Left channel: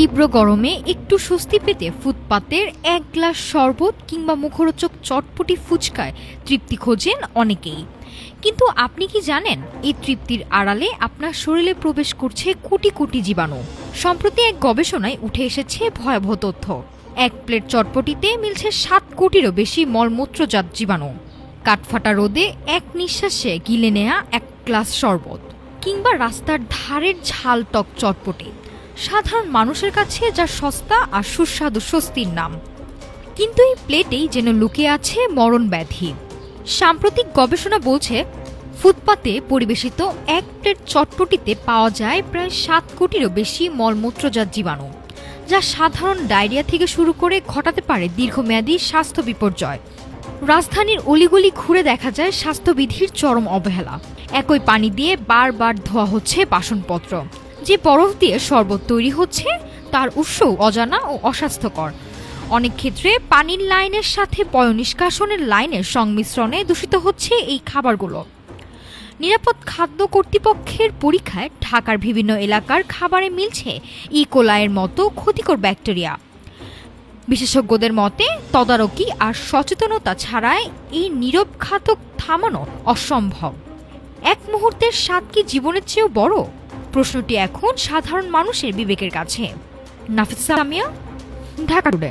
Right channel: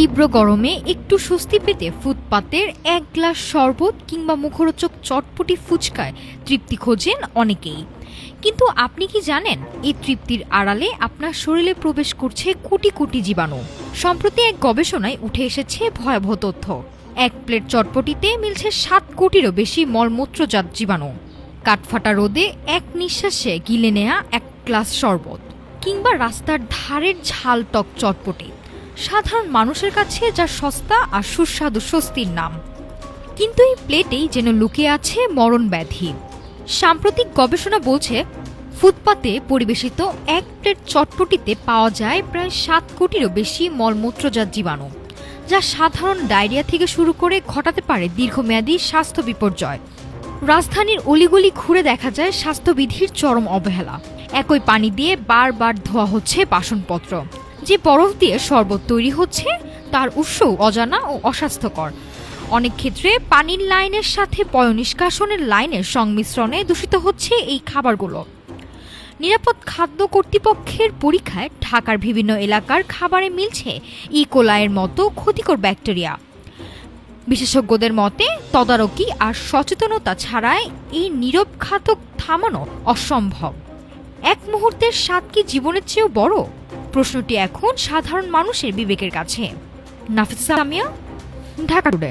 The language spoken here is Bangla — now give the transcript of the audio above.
তীব্র গরমে একটু স্বস্তি পেতে ফুটপাতের এক গ্লাস শরবত কিংবা মুখরোচক চটপটি ফুচকায় তৃপ্তি খোঁজেন অনেকেই। কিন্তু আপনি কি জানেন, এই তৃপ্তির আড়ালে আপনার শরীরে প্রবেশ করছে কোটি কোটি জীবাণু। সম্প্রতি এক গবেষণায় উঠে এসেছে ভয়াবহ তথ্য। এক প্লেট চটপটিতে মিলছে 7 কোটিরও বেশি মলমূত্রজাত জীবাণু। কাঠফাটা রোদে এক নিঃশ্বাসে গিলে নেয়া এক গ্লাস শরবত কিংবা রাস্তার ধারের ঝাল টক চটপটি সাধারণ মানুষের কাছে যা সস্তা আর সুস্বাদু স্বস্তির নাম, কিন্তু এই প্লেটেই যেন লুকিয়ে আছে মরণ ব্যাধি। সাম্প্রতিক গবেষণা বলছে, ফুটপাতে পরিবেশিত এক প্লেট চটপটিতে পাওয়া যায় প্রায় 7 কোটিরও বেশি মলমূত্রজাত জীবাণু, যা সাধারণ ডায়রিয়া থেকে শুরু করে ঘটাতে পারে দীর্ঘমেয়াদী স্বাস্থ্য বিপর্যয়। রাজধানীর অলিগলি ঘুরে দেখা যায় স্বাস্থ্যবিধির চরম অবহেলা। একই পানি দিয়ে বারবার ধোয়া হচ্ছে বাসনপত্র। যে বরফ দিয়ে শরবত তৈরি হচ্ছে তার উৎসও অজানা ও অস্বাস্থ্যকর। অনেক ক্ষেত্রে পানির লাইনের সাথে পয়ঃনিষ্কাশনের লাইনের সংমিশ্রণে দূষিত হচ্ছে এই খাবারগুলো। নিরাপদ খাদ্য কর্তৃপক্ষের পরীক্ষায় ঢাকার বিভিন্ন এলাকার খাবারে মিলছে ইকোলাইয়ের মতো ক্ষতিকর ব্যাকটেরিয়া। বিশেষজ্ঞদের মতে, তদারকি আর সচেতনতা ছাড়াই এই নীরব ঘাতক থামানো অসম্ভব। এক মুহূর্তের স্বাদ কি জীবনের চেয়েও বড়? প্রশ্নটি এখন সাধারণ মানুষের বিবেকের কাছে। নাফিসা আমিয়া, ঢাকা টুডে।